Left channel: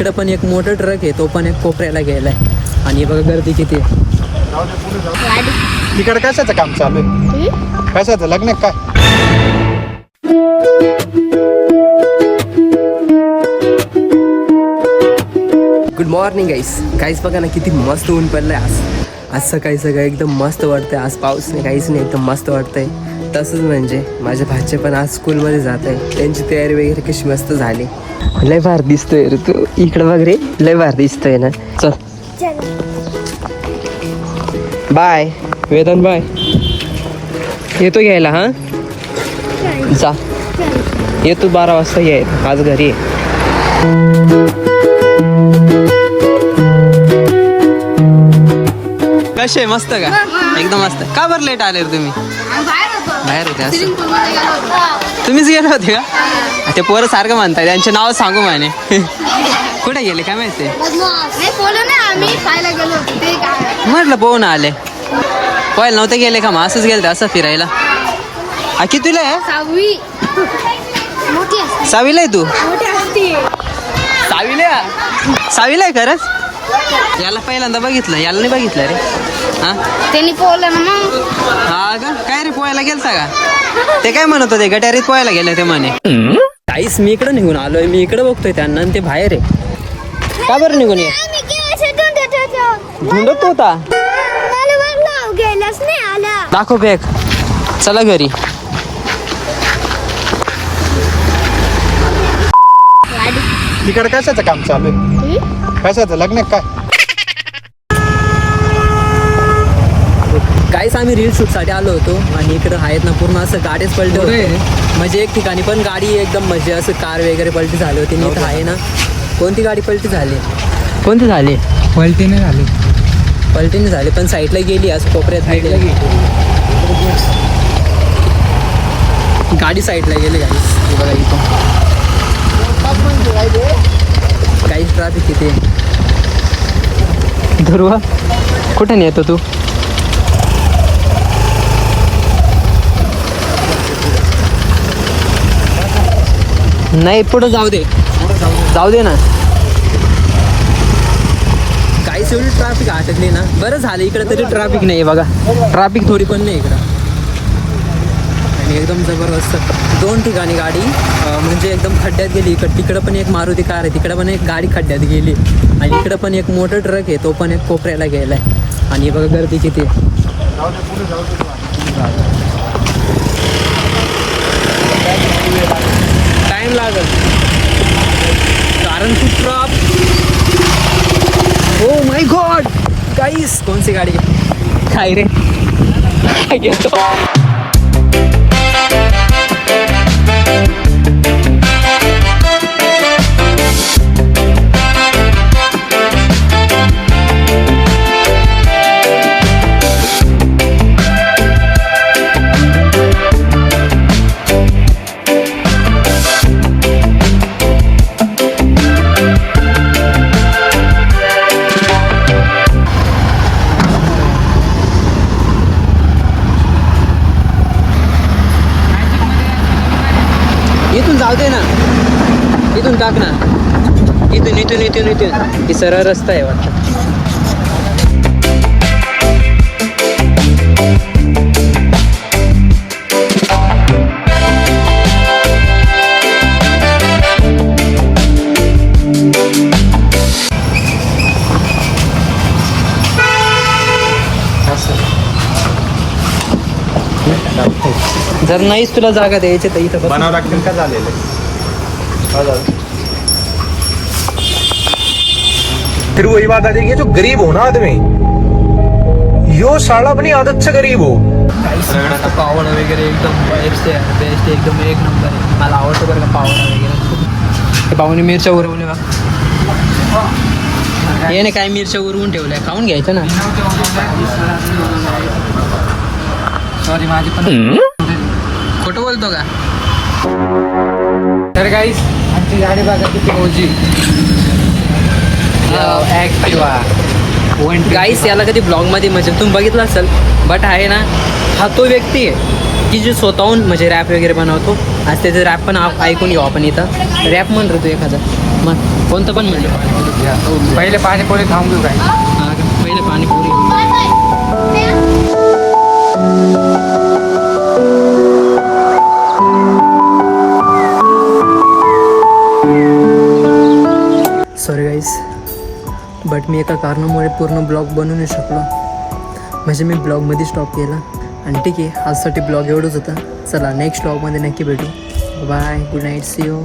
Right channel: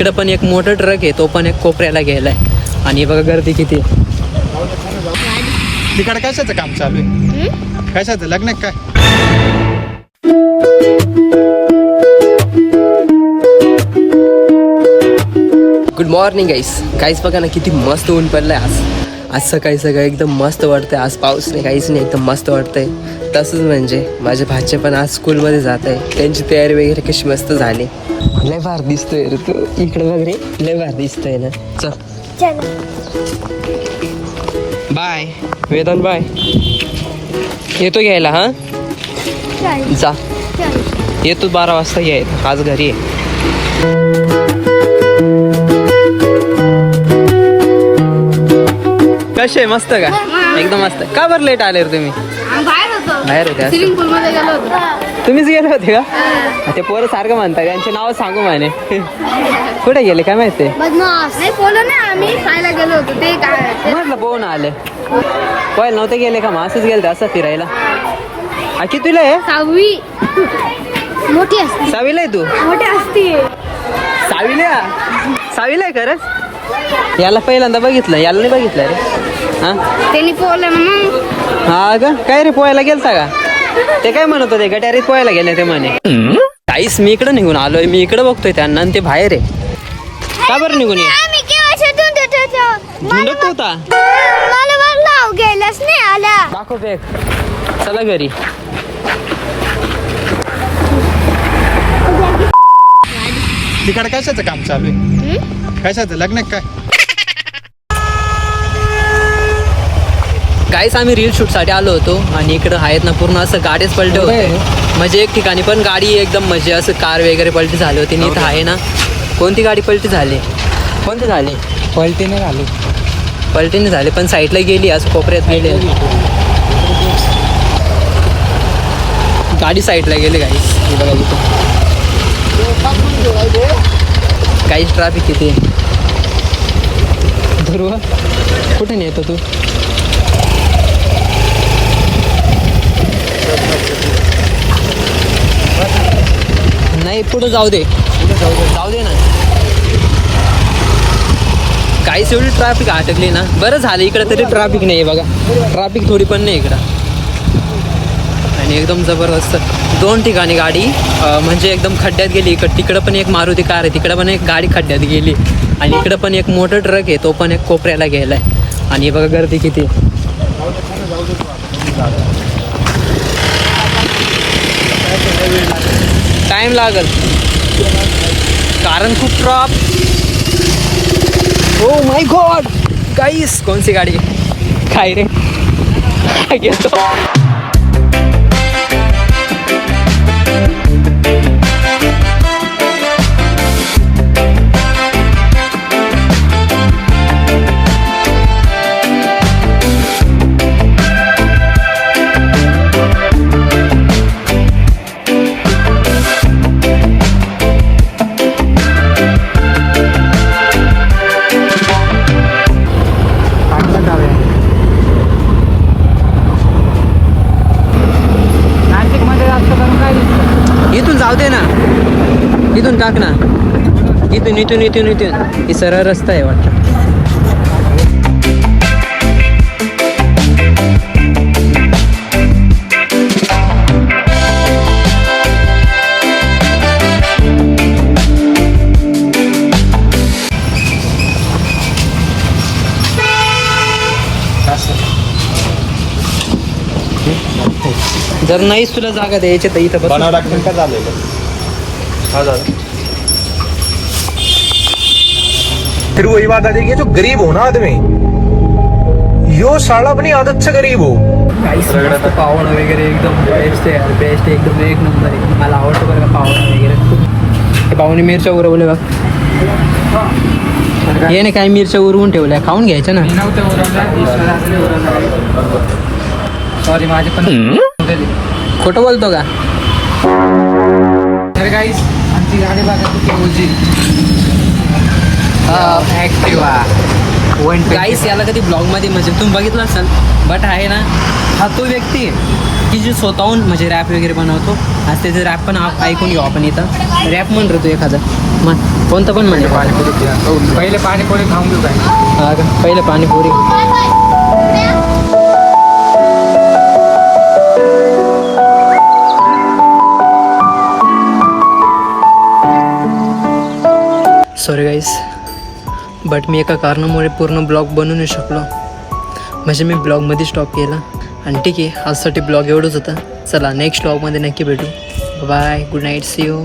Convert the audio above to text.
इकडं पण एक मोठा ट्रक आहे, तो पण एक कोपऱ्याला गेलाय. आणि बघा गर्दी किती. तिकडे कशाचं काम चालू आहे? कशाचं लग्न आहे काय? गुड मॉर्निंग गाईस बघा ना किती मस्त ऊन पडलंय आज सकाळी एकदम मस्त वाटतंय. आज पाऊस नाही काहीच नाही, एकदम मस्त वाटतंय. तसंच म्हणजे माझे भाचे पण आज स्कूलमध्ये जात आहे, त्यांची तयारी वगैरे कशी मस्त झाली. लय भारी दिसतोय रे तू, इकडे बघ रे, लय भारी दिसतोय ना. चल बाय वेदन, बाय. येतो घ्यायला. हा जा, येतो 12 वाजता घ्यायला, आज घरी आहे. कसे मस्त का? एकदम मस्त. का बरं लेट आले रे तुम्ही? बाहेर होते असं. तुम्हीच गेले होते का? ते पोरं सारखं म्हणतात, त्यांचे नाव सांगू म्हणे. कुठे गेले काय माहिती? म्हटलं पोहून आले. पोहायला नव्हते गेले का? मग असंच गेले असं फिरायला. कितीला आहे? 6वीला आहे तू? 6वीला आहे खरंच? याला पहिल्यांदा बघितलं, याला नाही बघितलं रे. हा हा का? काय रे पोहायला गेलता का? ते काय म्हणत होते, गटारीत पोहायला गेले ते म्हणे. काहीच मी इकडं निघून आलोय, मी इकडं बघतोय त्यांना आणि ते बाहेर आहे. का बरं निघून ये? धुंडत होता. दाखव बॅग. चला घरी. तिकडे कशाचं काम चालू आहे? कशाचं लग्न आहे काय? गाईस आम्ही रील शूट साठी आलो होतो आणि इकडं आहेत ना पूर्ण असं गाडीच पलटे होते. म्हणजे एक ठिकाणी पण गाडी एकदम म्हणजे असं कार वगैरे पलटी झाली होती. इथं आहे ना, कोणती गाडी पलटी झाली? कोणती झाली? पलटीने झाली. पलटीने झाली पण साईडला गेली, आज कोपऱ्यात गेली गाडी, साईडला गेली गाईस. हे बघा इथं काहीच ट्रॅफिक किती. ध्रुव कुठे नाही येतो तू? नाही पुढं जाऊ दे ना. काहीच एवढी ट्रॅफिक अटकली ना. बरं झालं इकडं तरी ट्रॅफिक नाही बघा, ट्रॅफिक थोडी पण नाही इकडं. आणि एकदम जबरदस्त 2 ठिकाणी गाडी म्हणजे एकदम खड्ड्यात गेली. तिकडं पण एक मारुती कार आहे, तिकडं पण एक गाडी खड्ड्यात गेली. आणि इकडं पण एक मोठा ट्रक आहे, तो पण एक कोपऱ्याला गेलाय. आणि बघा गर्दी किती. टाइम लागल कारण खूप oh my God guys, Kaun C गाड़ी? काय रे? जर नाहीच तुला जागा द्यायची तर इथं फिर वही बात आ जाएगी, जो गरीब हो ना आदमी, यो साला अपनी आदत से गरीब हो. पावडा वगैरे एकदम बेस्ट आहे यार, बेस्ट आहे एकदम, एक नंबर आहे. मला आवडतं बरं का पावडा वगैरे. पाहुणे मिरच्या उरवले बघ. याने काही मिरच्या उरवून ठेवल्या, खाऊन घ्यायच्या ना. सॉरी माझे पण खोटं बोलतो का? तर गाईस आमची गाडी बघा किती मोजी. गाईस याला कधी ब्लॉग मध्ये म्हणजे तुम्ही बघितलं असेल, बट आहे ना हा तो व्यक्ती आहे की जे स्वतःहून म्हणजे रॅप वगैरे बनवतो. आज त्याचं रॅप पण ऐकून घेऊ आपण इथं. रॅप म्हण रे तू एखादा मग कोणतं पण म्हणजे पाणीपुरी पहिले पाणीपुरी थांबू काय पहिलं पाणीपुरी. सॉरी गाईस, बट मी एका कारणामुळे पूर्ण ब्लॉग बनवू नाही शकलो. म्हणजे मी ब्लॉगमध्ये स्टॉप केला. आणि ठीक आहे, आजसाठी ब्लॉग एवढंच होतं. चला नेक्स्ट ब्लॉगमध्ये नक्की भेटू. Bye, good night, see you.